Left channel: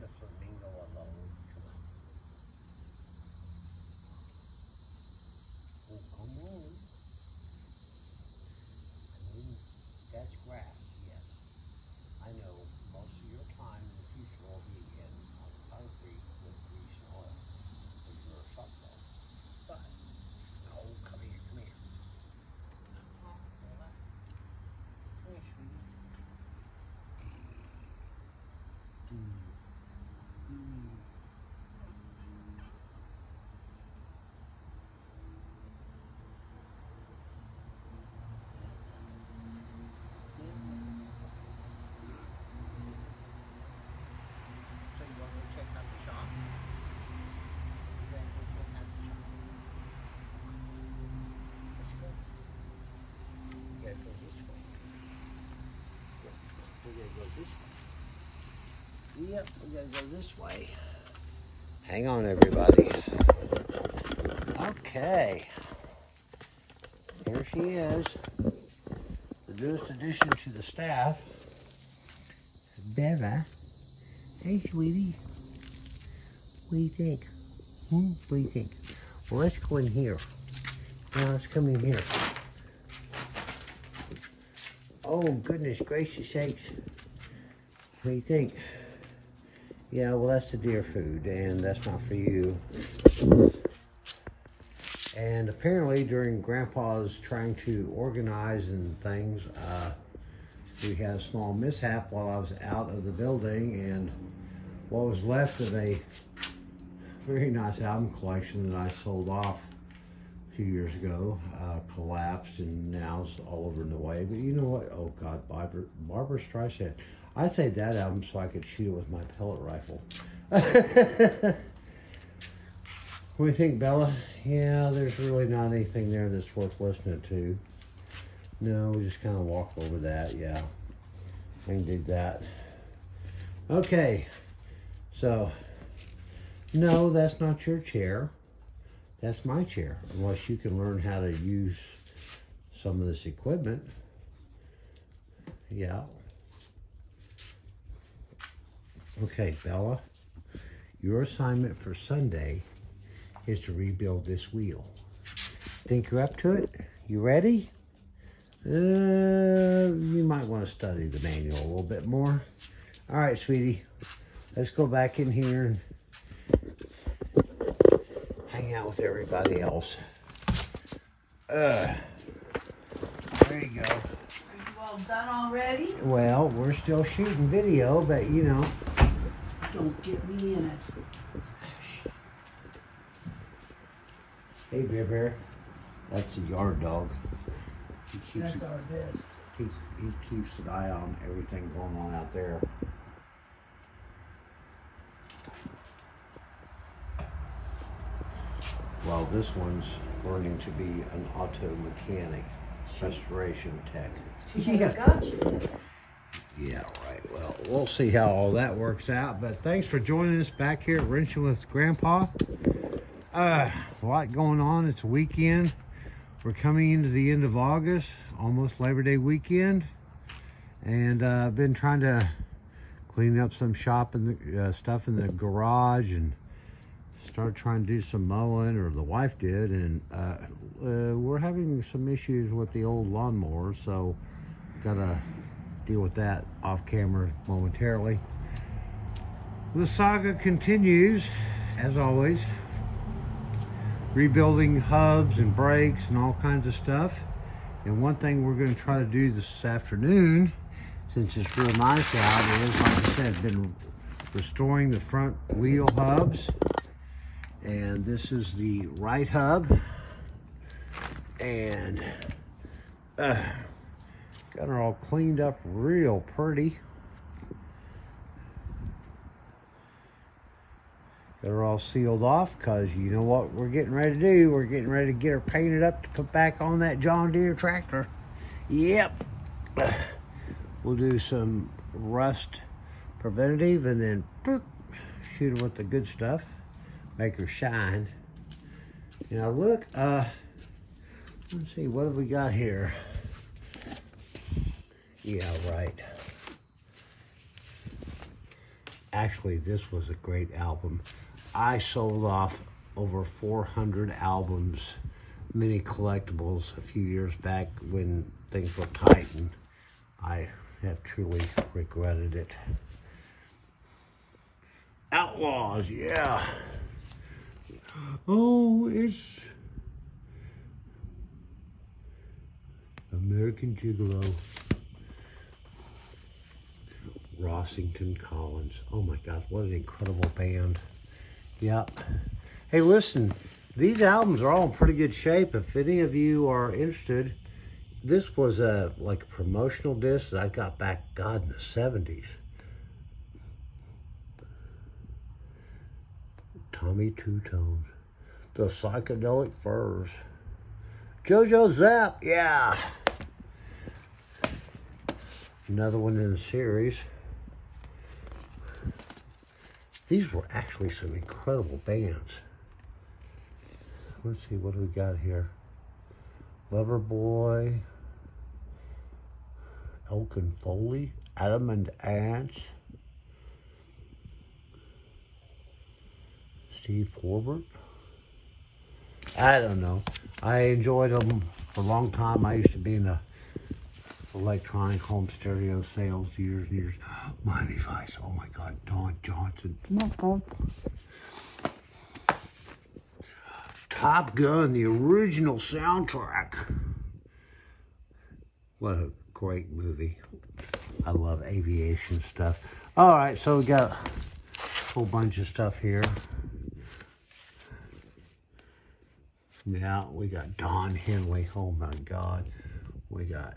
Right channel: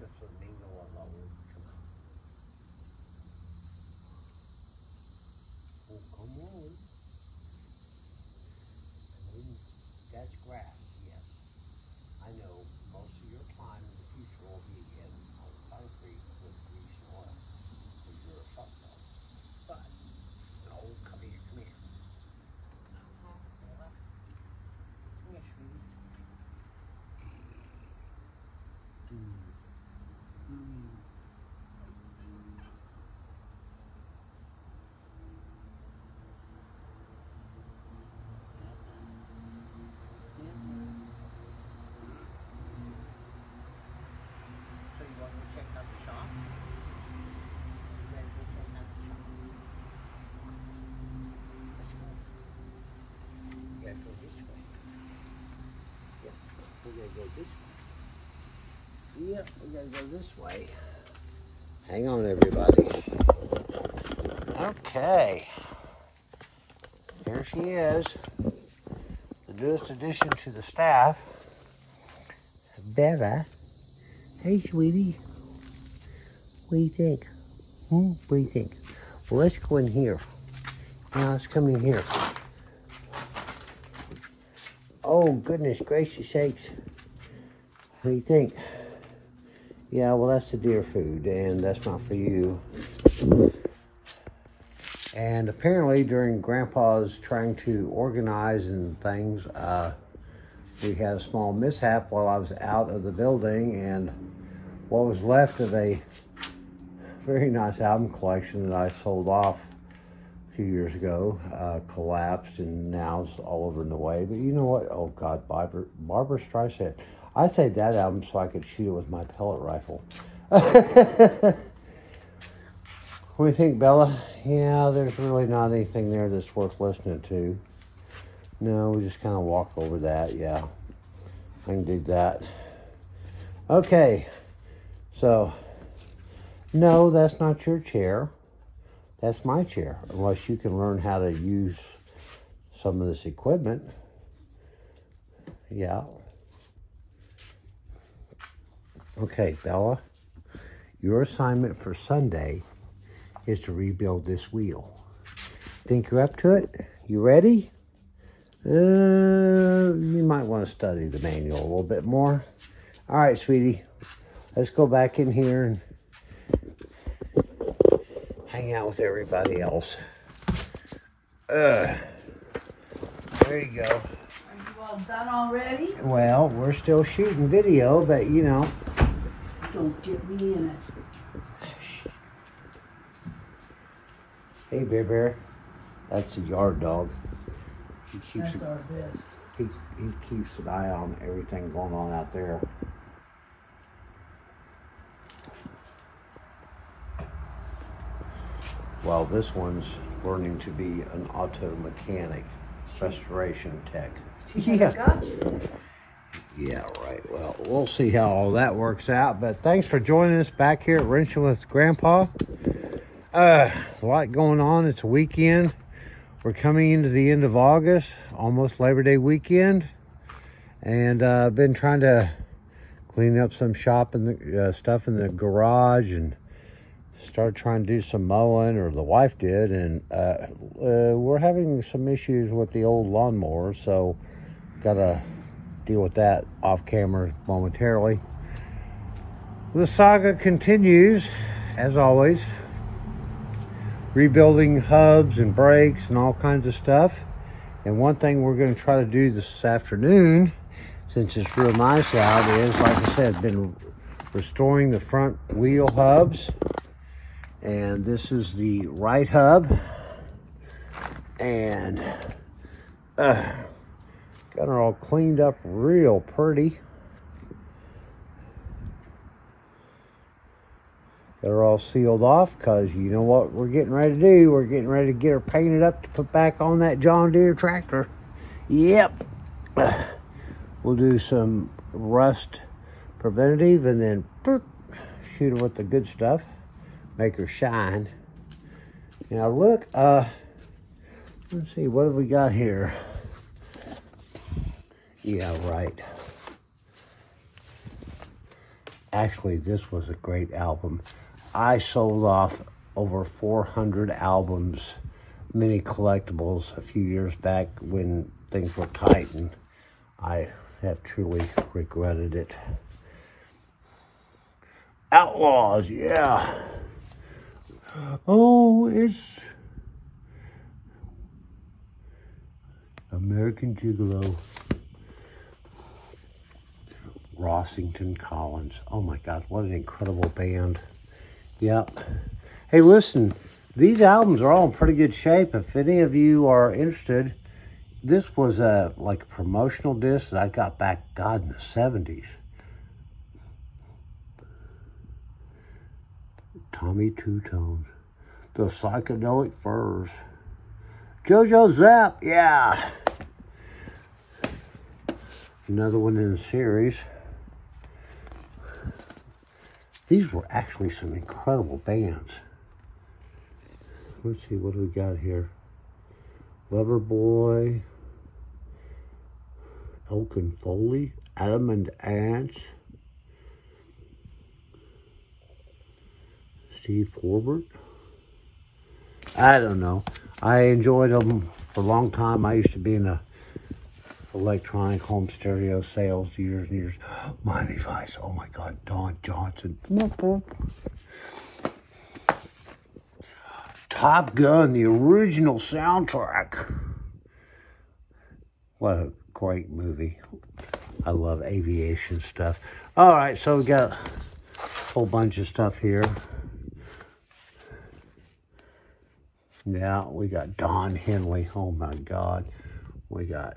Just let me go alone. Come on. Oh, come on. I mean, that's grass, yes. I know most of your time in the future will be in concrete with grease and oil because you're a salt dog. But, no, come here, come here. Come here, sweetie. So you want to check out the shop? You ready to check out the shop? Let's go. You gotta go this way. Yep, we gotta go this way. Yep, we gotta go this way. Hang on, everybody. Okay. Here she is. The newest addition to the staff. Bella. Hey, sweetie. What do you think? What do you think? Well, let's go in here. Let's come in here. Oh, goodness gracious sakes. What do you think? Yeah, well, that's the deer food, and that's not for you. And apparently, during Grandpa's trying to organize and things, we had a small mishap while I was out of the building, and what was left of a very nice album collection that I sold off a few years ago collapsed, and now it's all over in the way. But you know what? Oh, God, Barbra Streisand. I saved that album so I could shoot it with my pellet rifle. What do you think, Bella? Yeah, there's really not anything there that's worth listening to. No, we just kind of walked over that. Yeah, I can do that. Okay, so, no, that's not your chair. That's my chair, unless you can learn how to use some of this equipment. Yeah. Okay, Bella, your assignment for Sunday is to rebuild this wheel. Think you're up to it? You ready? You might want to study the manual a little bit more. All right, sweetie, let's go back in here and hang out with everybody else. There you go. Are you all done already? Well, we're still shooting video, but you know. Don't get me in it. Hey, Bear Bear. That's the yard dog. That's our best. He keeps an eye on everything going on out there. Well, this one's learning to be an auto mechanic, restoration tech. Yeah. Gotcha. Yeah, right. Well, we'll see how all that works out. But thanks for joining us back here at Wrenching with Grandpa. A lot going on. It's a weekend. We're coming into the end of August, almost Labor Day weekend. And I've been trying to clean up some shop and stuff in the garage and started trying to do some mowing, or the wife did. And we're having some issues with the old lawnmower, so got to deal with that off camera momentarily. The saga continues, as always. Rebuilding hubs and brakes and all kinds of stuff. And one thing we're going to try to do this afternoon, since it's real nice out, is, like I said, been restoring the front wheel hubs. And this is the right hub. And got her all cleaned up real pretty. Got her all sealed off, because you know what we're getting ready to do? We're getting ready to get her painted up to put back on that John Deere tractor. Yep. We'll do some rust preventative and then shoot her with the good stuff. Make her shine. Now look, let's see, what have we got here? Yeah, right. Actually, this was a great album. I sold off over 400 albums, many collectibles, a few years back when things were tight, and I have truly regretted it. Outlaws, yeah. Oh, it's American Gigolo. Rossington Collins. Oh my God, what an incredible band. Yep. Hey, listen, these albums are all in pretty good shape. If any of you are interested, this was like a promotional disc that I got back, God, in the 70s. Tommy Two Tones. The Psychedelic Furs. JoJo Zapp, yeah. Another one in the series. These were actually some incredible bands. Let's see, what do we got here? Loverboy, Elkin Foley, Adam and Ants, Steve Forbert. I don't know. I enjoyed them for a long time. I used to be in a electronic home stereo sales years and years. Miami Vice, oh my God, Don Johnson. Top Gun, the original soundtrack. What a great movie. I love aviation stuff. All right, so we got a whole bunch of stuff here. Yeah, we got Don Henley. Oh my God. We got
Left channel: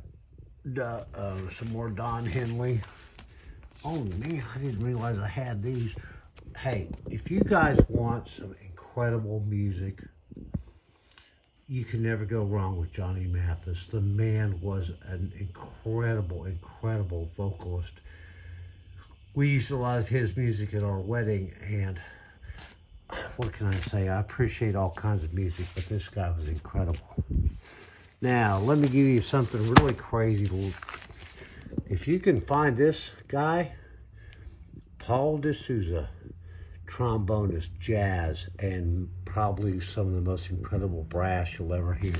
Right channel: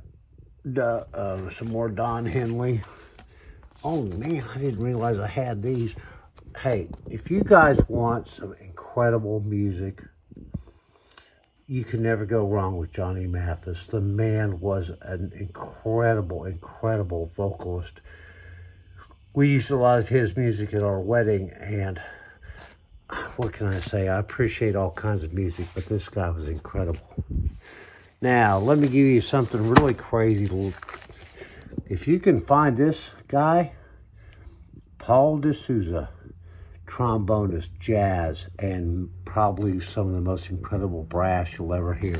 some more Don Henley. Oh man, I didn't realize I had these. Hey, if you guys want some incredible music, you can never go wrong with Johnny Mathis. The man was an incredible, incredible vocalist. We used a lot of his music at our wedding, and what can I say? I appreciate all kinds of music, but this guy was incredible. Now, let me give you something really crazy. If you can find this guy, Paul D'Souza, trombonist, jazz, and probably some of the most incredible brass you'll ever hear.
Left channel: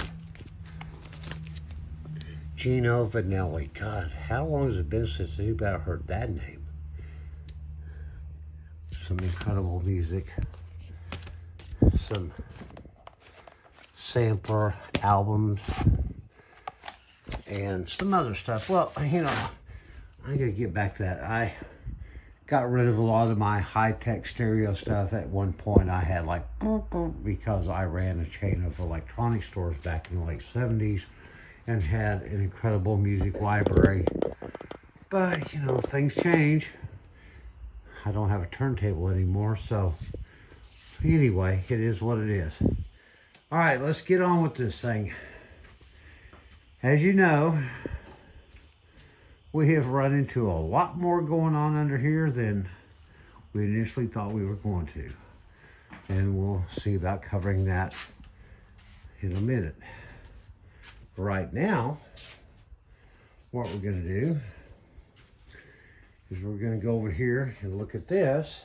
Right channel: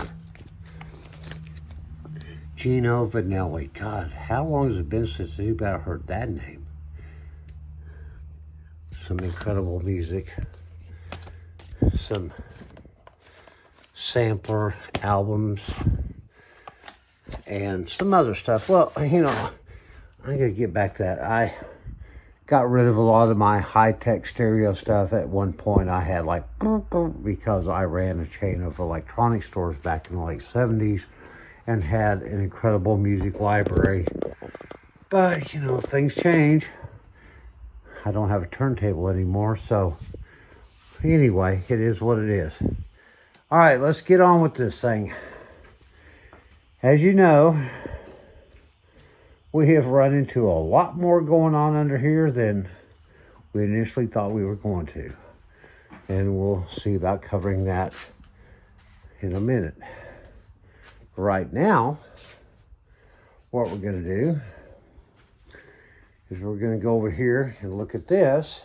Gino Vanelli. God, how long has it been since anybody heard that name? Some incredible music. Some sampler albums and some other stuff. Well, you know, I'm gonna get back to that. I got rid of a lot of my high-tech stereo stuff. At one point I had like, because I ran a chain of electronic stores back in the late 70s and had an incredible music library. But you know, things change. I don't have a turntable anymore, so anyway, it is what it is. All right, let's get on with this thing. As you know, we have run into a lot more going on under here than we initially thought we were going to. And we'll see about covering that in a minute. Right now, what we're going to do is we're going to go over here and look at this.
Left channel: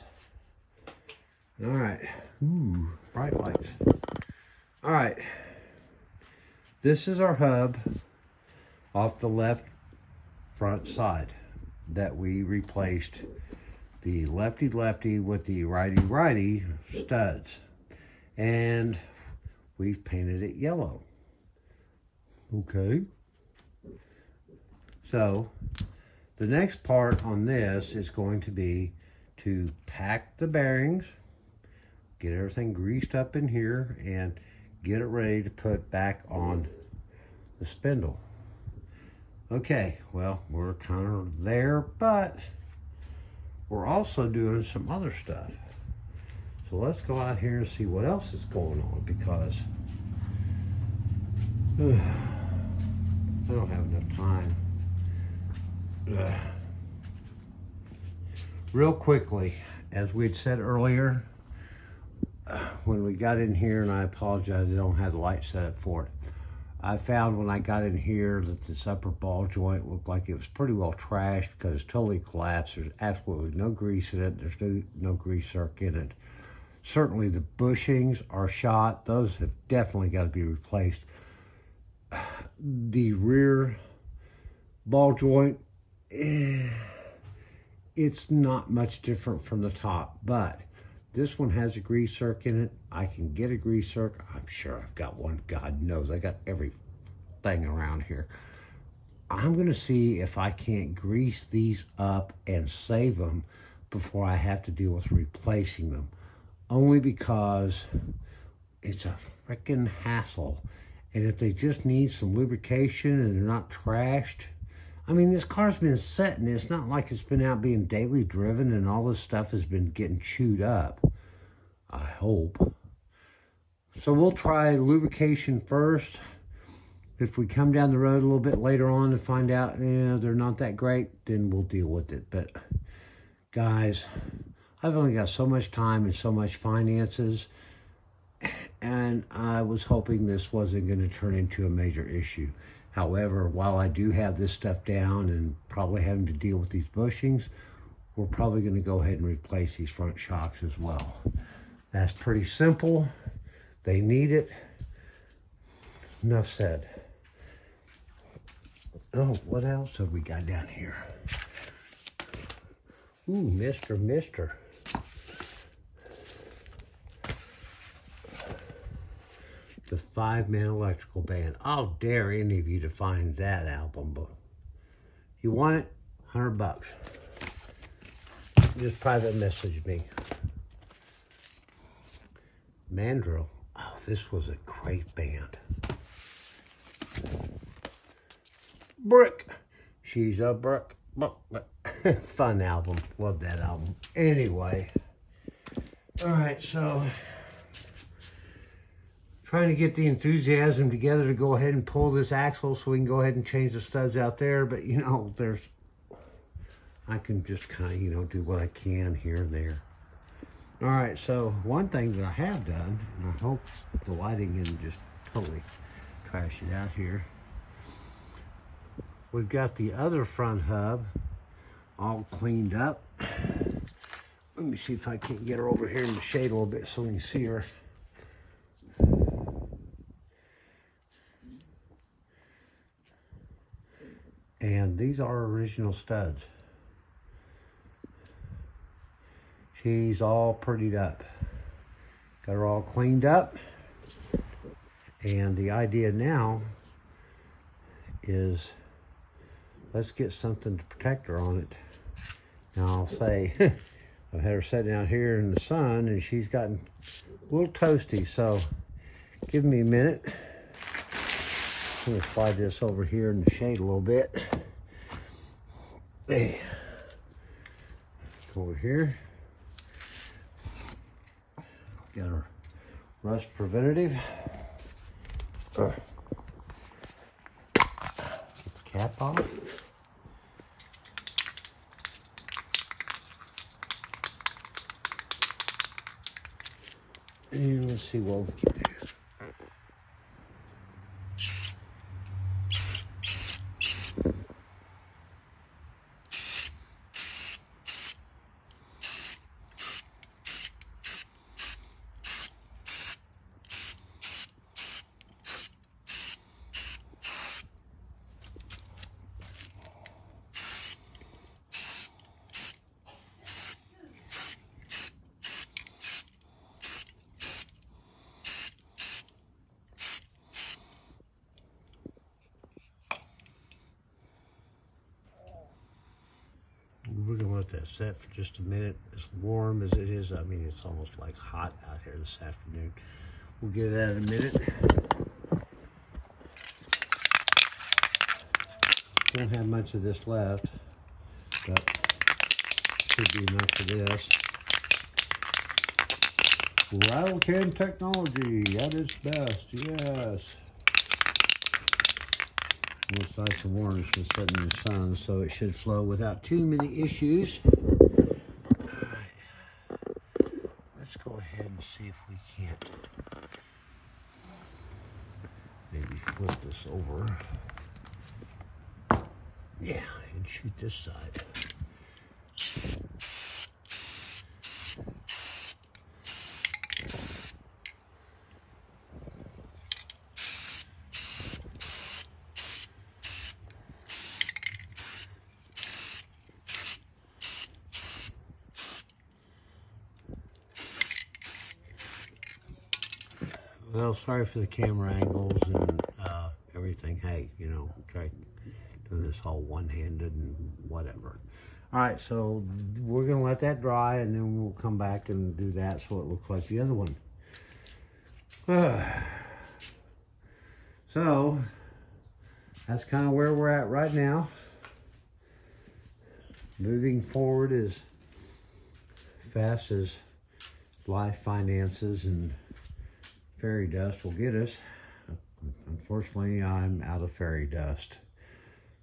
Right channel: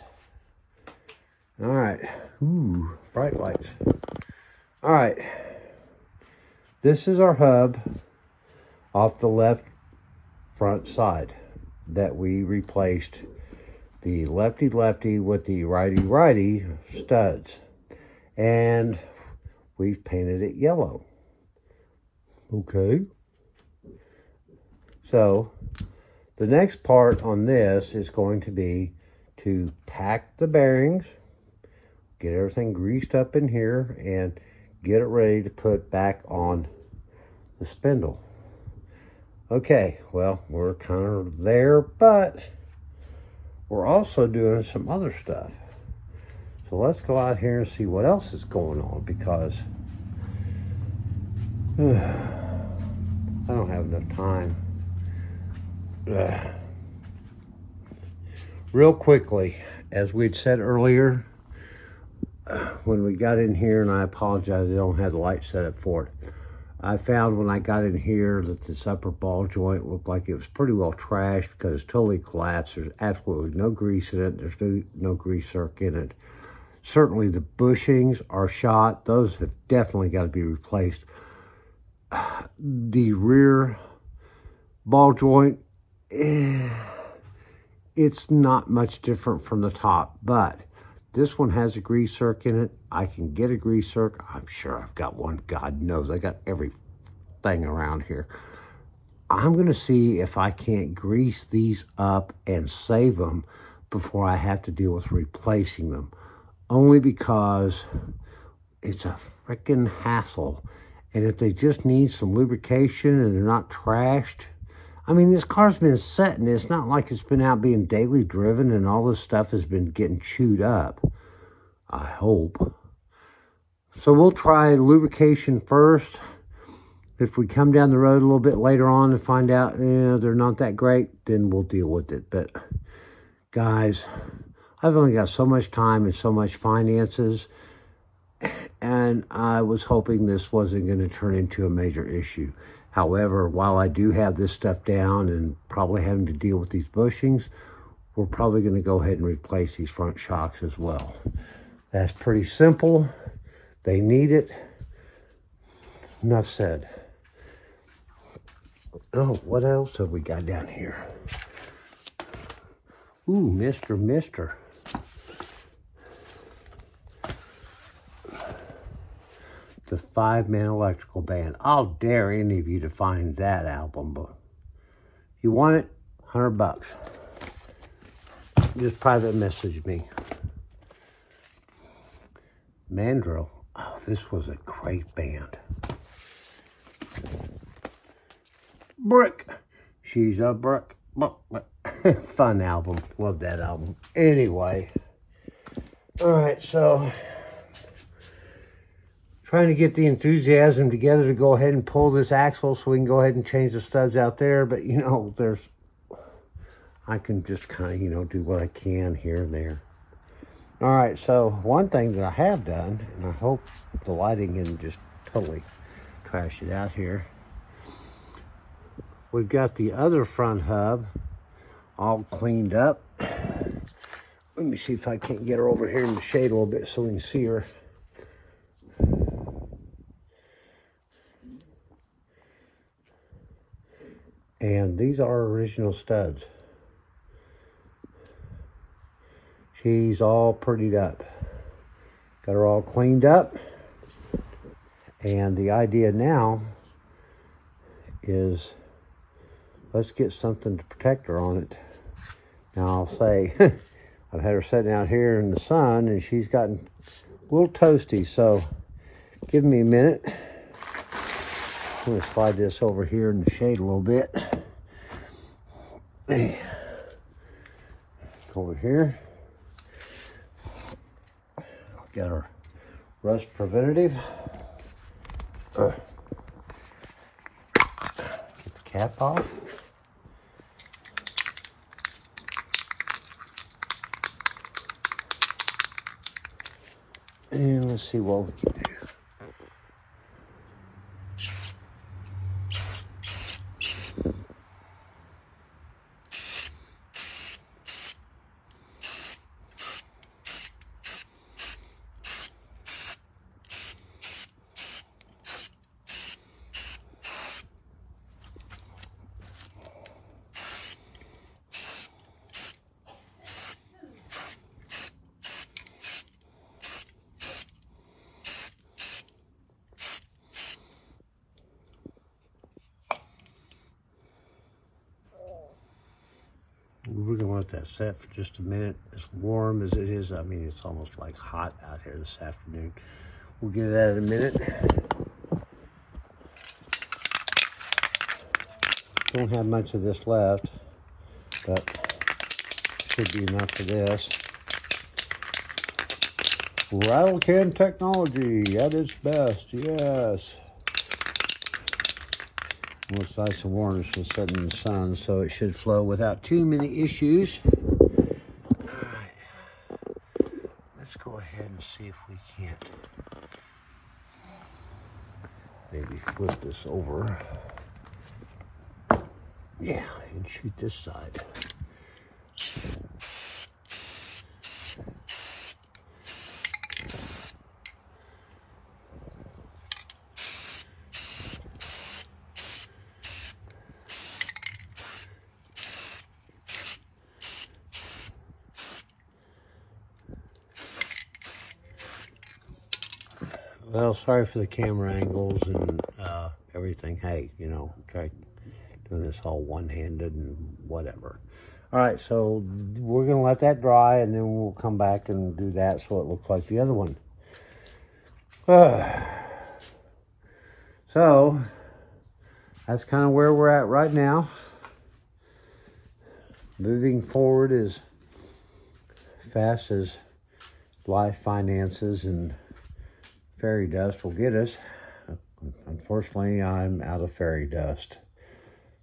All right. Ooh, bright lights. All right. This is our hub off the left front side that we replaced the lefty-lefty with the righty-righty studs. And we've painted it yellow. Okay. So the next part on this is going to be to pack the bearings, get everything greased up in here, and get it ready to put back on the spindle. Okay, well, we're kind of there, but we're also doing some other stuff. So let's go out here and see what else is going on, because I don't have enough time. Real quickly, as we'd said earlier, when we got in here, and I apologize, I don't have the light set up for it. I found when I got in here that this upper ball joint looked like it was pretty well trashed because it's totally collapsed. There's absolutely no grease in it. There's no grease zerk in it. Certainly the bushings are shot. Those have definitely got to be replaced. The rear ball joint, it's not much different from the top, but this one has a grease zerk in it. I can get a grease zerk. I'm sure I've got one. God knows I got everything around here. I'm going to see if I can't grease these up and save them before I have to deal with replacing them. Only because it's a freaking hassle. And if they just need some lubrication and they're not trashed, I mean, this car's been sitting. It's not like it's been out being daily driven and all this stuff has been getting chewed up. I hope. So we'll try lubrication first. If we come down the road a little bit later on and find out they're not that great, then we'll deal with it. But guys, I've only got so much time and so much finances, and I was hoping this wasn't going to turn into a major issue. However, while I do have this stuff down and probably having to deal with these bushings, we're probably going to go ahead and replace these front shocks as well. That's pretty simple. They need it. Enough said. Oh, what else have we got down here? Ooh, Mister. The Five Man Electrical Band. I'll dare any of you to find that album, but if you want it, $100. Just private message me. Mandrill. Oh, this was a great band. Brick. She's a brick. Fun album. Love that album. Anyway. Alright, so trying to get the enthusiasm together to go ahead and pull this axle so we can go ahead and change the studs out there. But, you know, I can just kind of, you know, do what I can here and there. All right, so one thing that I have done, and I hope the lighting isn't just totally trash it out here. We've got the other front hub all cleaned up. Let me see if I can't get her over here in the shade a little bit so we can see her. And these are original studs. She's all prettied up. Got her all cleaned up. And the idea now is let's get something to protect her on it. Now I'll say, I've had her sitting out here in the sun and she's gotten a little toasty. So give me a minute. I'm gonna slide this over here in the shade a little bit. Over here. Got our rust preventative. Get the cap off. And let's see what we can do. We're gonna let that set for just a minute. As warm as it is, I mean, it's almost like hot out here this afternoon. We'll get that in a minute. Don't have much of this left, but should be enough for this. Rattle can technology at its best, yes. Looks like the varnish was set in the sun, so it should flow without too many issues. All right. Let's go ahead and see if we can't maybe flip this over. Yeah, and shoot this side. Well, sorry for the camera angles and everything. Hey, you know, try doing this all one-handed and whatever. All right, so we're gonna let that dry and then we'll come back and do that so it looks like the other one. So that's kind of where we're at right now. Moving forward as fast as life, finances, and fairy dust will get us. Unfortunately, I'm out of fairy dust.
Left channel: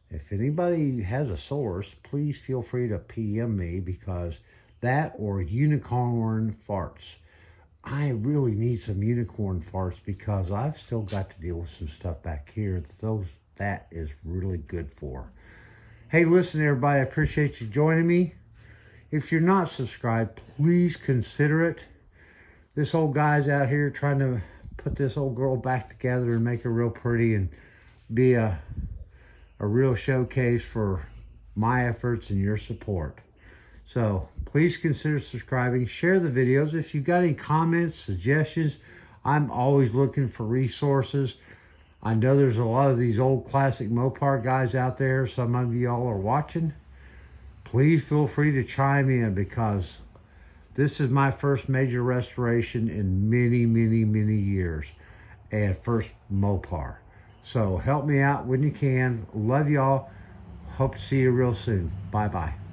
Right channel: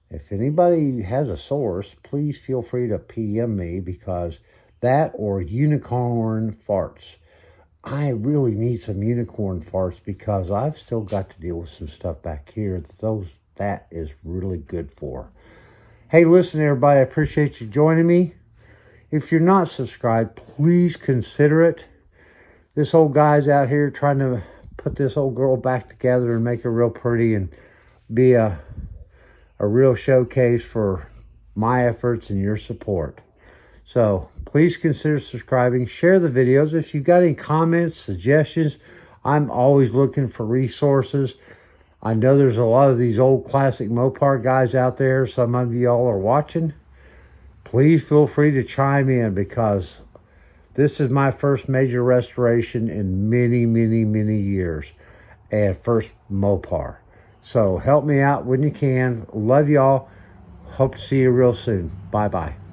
If anybody has a source, please feel free to PM me, because that or unicorn farts. I really need some unicorn farts because I've still got to deal with some stuff back here. That is really good for. Hey, listen, everybody, I appreciate you joining me. If you're not subscribed, please consider it. This old guy's out here trying to put this old girl back together and make her real pretty and be a real showcase for my efforts and your support. So please consider subscribing. Share the videos. If you've got any comments, suggestions, I'm always looking for resources. I know there's a lot of these old classic Mopar guys out there. Some of y'all are watching. Please feel free to chime in, because this is my first major restoration in many, many, many years, and first Mopar. So help me out when you can. Love y'all. Hope to see you real soon. Bye-bye.